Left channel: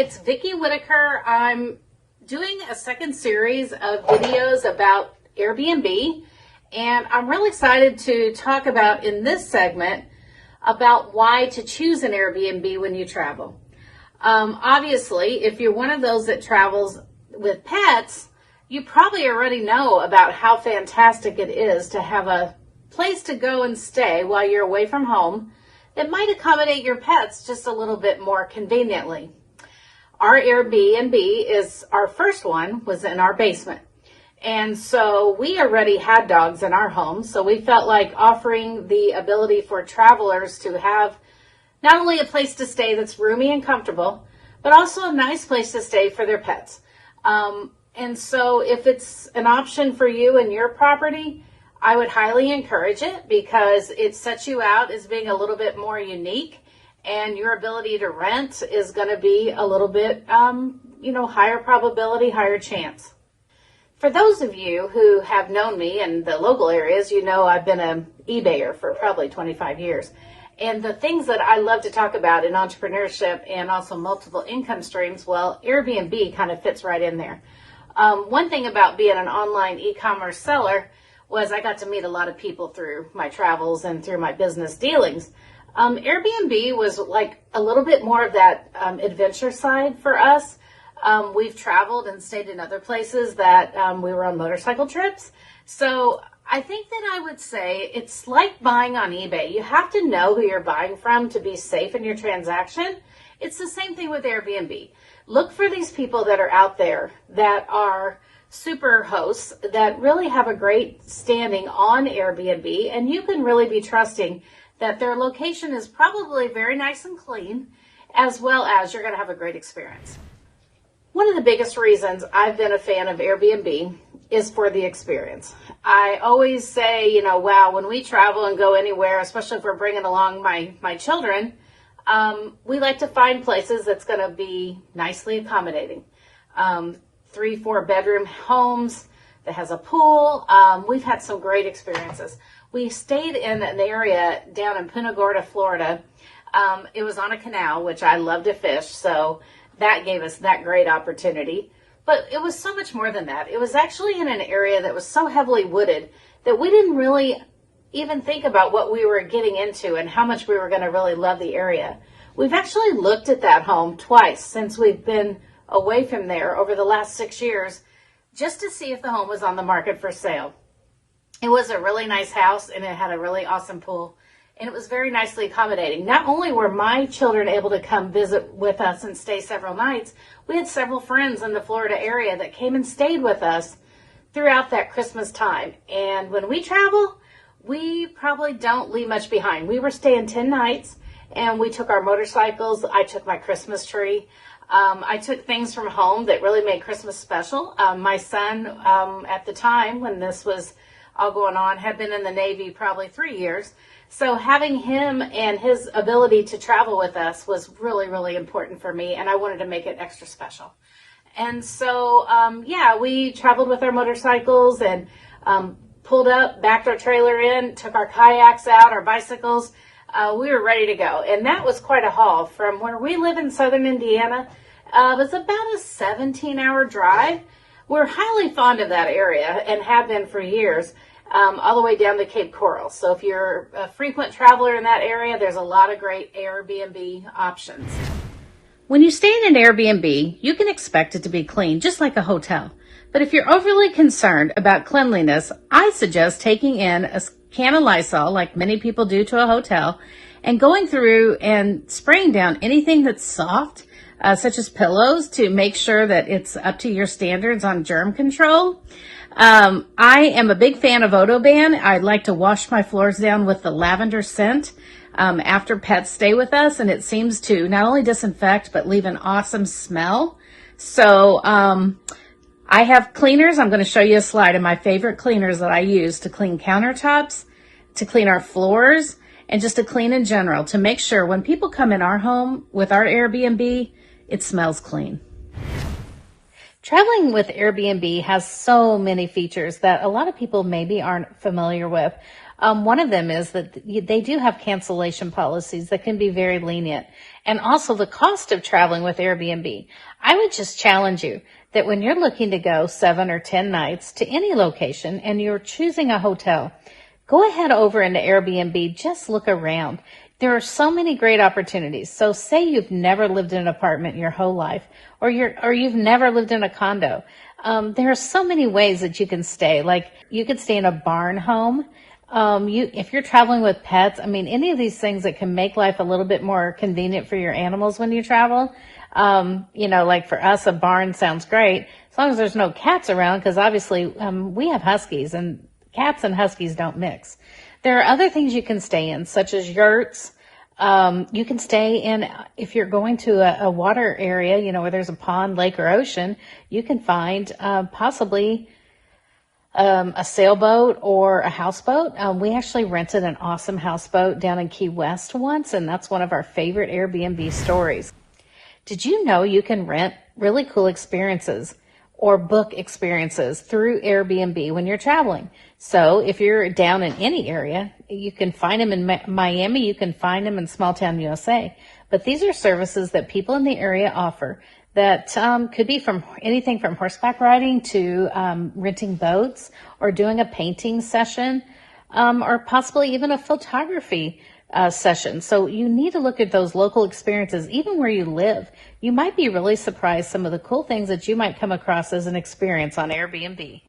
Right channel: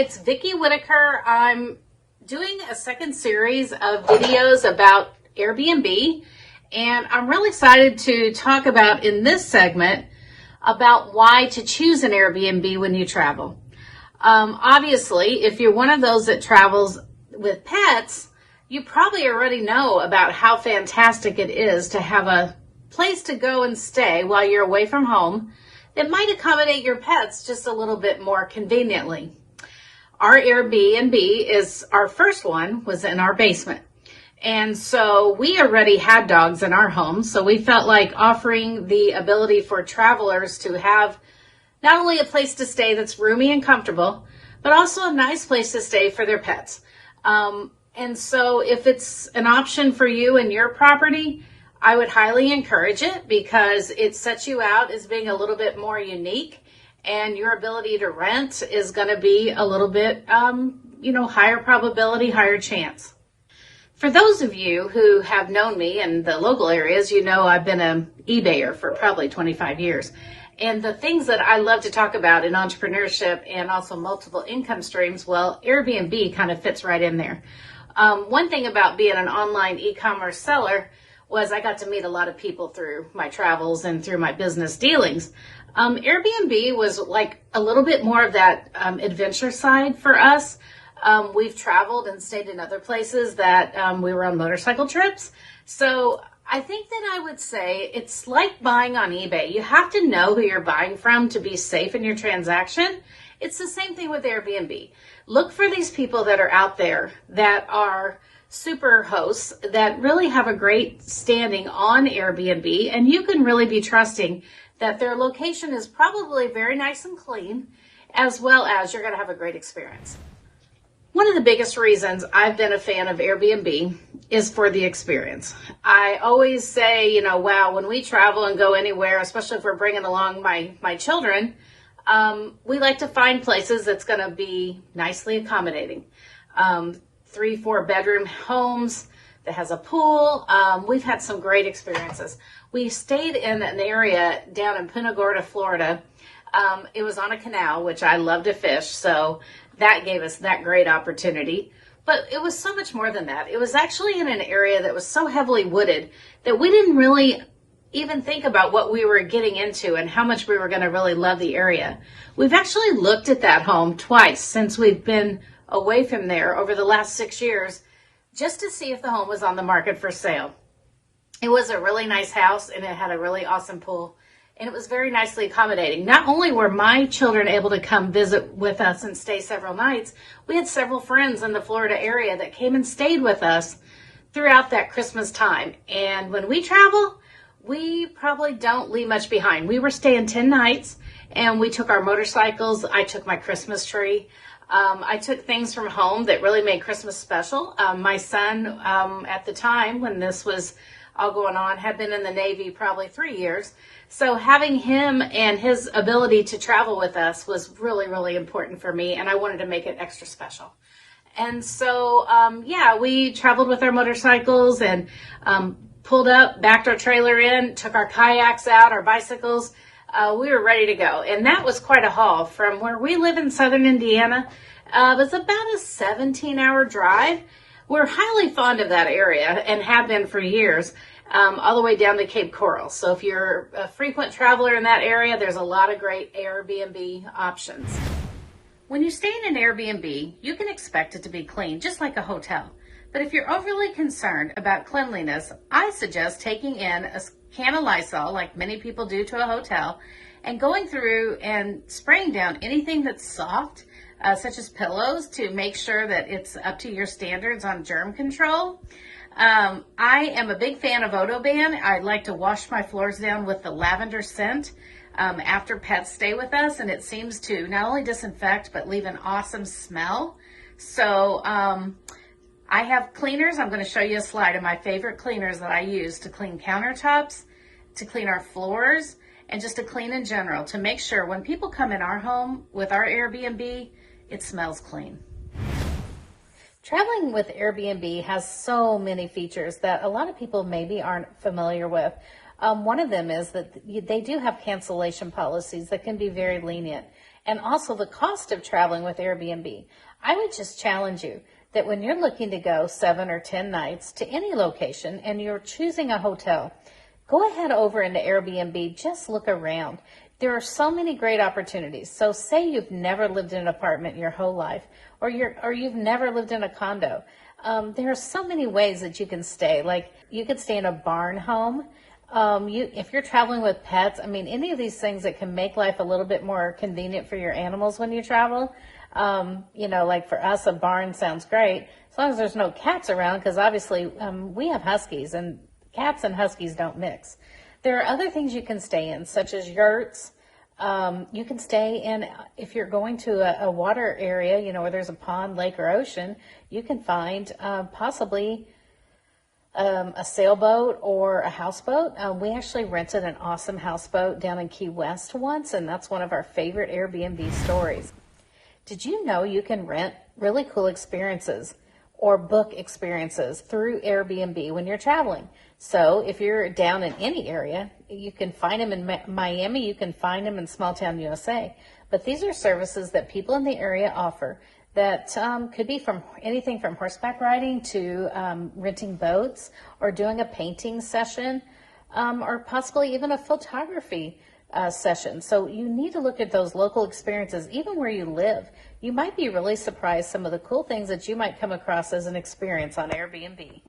it's Vicki Whitaker. I'm doing a second series of videos about Airbnb, and I'm really excited to talk about in this segment about why to choose an Airbnb when you travel. Obviously, if you're one of those that travels with pets, you probably already know about how fantastic it is to have a place to go and stay while you're away from home that might accommodate your pets just a little bit more conveniently. Our Airbnb is our first one was in our basement. And so we already had dogs in our home. So we felt like offering the ability for travelers to have not only a place to stay that's roomy and comfortable, but also a nice place to stay for their pets. And so if it's an option for you and your property, I would highly encourage it because it sets you out as being a little bit more unique, and your ability to rent is going to be a little bit, higher probability, higher chance. For those of you who have known me in the local areas, you know I've been an eBayer for probably 25 years. And the things that I love to talk about in entrepreneurship and also multiple income streams, well, Airbnb kind of fits right in there. One thing about being an online e-commerce seller was I got to meet a lot of people through my travels and through my business dealings. Airbnb was like a little bit more of that adventure side for us. We've traveled and stayed in other places that we were on motorcycle trips. So I think that I would say it's like buying on eBay. You have to know who you're buying from to be safe in your transaction. It's the same thing with Airbnb. Look for these people that are out there that are super hosts that really have a great standing on Airbnb, and you can really be trusting that their location is probably very nice and clean, as well as you're going to have a great experience. One of the biggest reasons I've been a fan of Airbnb is for the experience. I always say, wow, when we travel and go anywhere, especially if we're bringing along my children, we like to find places that's going to be nicely accommodating. 3-4 bedroom homes that has a pool. We've had some great experiences. We stayed in an area down in Punta Gorda, Florida. It was on a canal, which I love to fish, so that gave us that great opportunity. But it was so much more than that. It was actually in an area that was so heavily wooded that we didn't really even think about what we were getting into and how much we were going to really love the area. We've actually looked at that home twice since we've been away from there over the last 6 years, just to see if the home was on the market for sale. It was a really nice house, and it had a really awesome pool, and it was very nicely accommodating. Not only were my children able to come visit with us and stay several nights, we had several friends in the Florida area that came and stayed with us throughout that Christmas time. And when we travel, we probably don't leave much behind. We were staying 10 nights, and we took our motorcycles. I took my Christmas tree. I took things from home that really made Christmas special. My son, at the time when this was all going on, had been in the Navy probably 3 years. So having him and his ability to travel with us was really, really important for me, and I wanted to make it extra special. And so, we traveled with our motorcycles and pulled up, backed our trailer in, took our kayaks out, our bicycles. We were ready to go. And that was quite a haul from where we live in southern Indiana. It was about a 17-hour drive. We're highly fond of that area and have been for years, all the way down to Cape Coral. So if you're a frequent traveler in that area, there's a lot of great Airbnb options. When you stay in an Airbnb, you can expect it to be clean, just like a hotel. But if you're overly concerned about cleanliness, I suggest taking in a can of Lysol, like many people do to a hotel, and going through and spraying down anything that's soft, such as pillows, to make sure that it's up to your standards on germ control. I am a big fan of Odoban. I like to wash my floors down with the lavender scent after pets stay with us, and it seems to not only disinfect but leave an awesome smell. So I have cleaners. I'm going to show you a slide of my favorite cleaners that I use to clean countertops, to clean our floors, and just to clean in general, to make sure when people come in our home with our Airbnb, it smells clean. Traveling with Airbnb has so many features that a lot of people maybe aren't familiar with. One of them is that they do have cancellation policies that can be very lenient, and also the cost of traveling with Airbnb. I would just challenge you that when you're looking to go 7 or 10 nights to any location and you're choosing a hotel, go ahead over into Airbnb, just look around. There are so many great opportunities. So say you've never lived in an apartment your whole life, or you've never lived in a condo. There are so many ways that you can stay. Like you could stay in a barn home. If you're traveling with pets, I mean, any of these things that can make life a little bit more convenient for your animals when you travel. Like for us, a barn sounds great as long as there's no cats around, because obviously we have huskies and cats and huskies don't mix. There are other things you can stay in, such as yurts. You can stay in, if you're going to a water area, where there's a pond, lake, or ocean, you can find possibly a sailboat or a houseboat. We actually rented an awesome houseboat down in Key West once, and that's one of our favorite Airbnb stories. Did you know you can rent really cool experiences or book experiences through Airbnb when you're traveling? So if you're down in any area, you can find them in Miami, you can find them in small town USA. But these are services that people in the area offer that could be from anything from horseback riding to renting boats or doing a painting session or possibly even a photography session. So you need to look at those local experiences, even where you live. You might be really surprised some of the cool things that you might come across as an experience on Airbnb.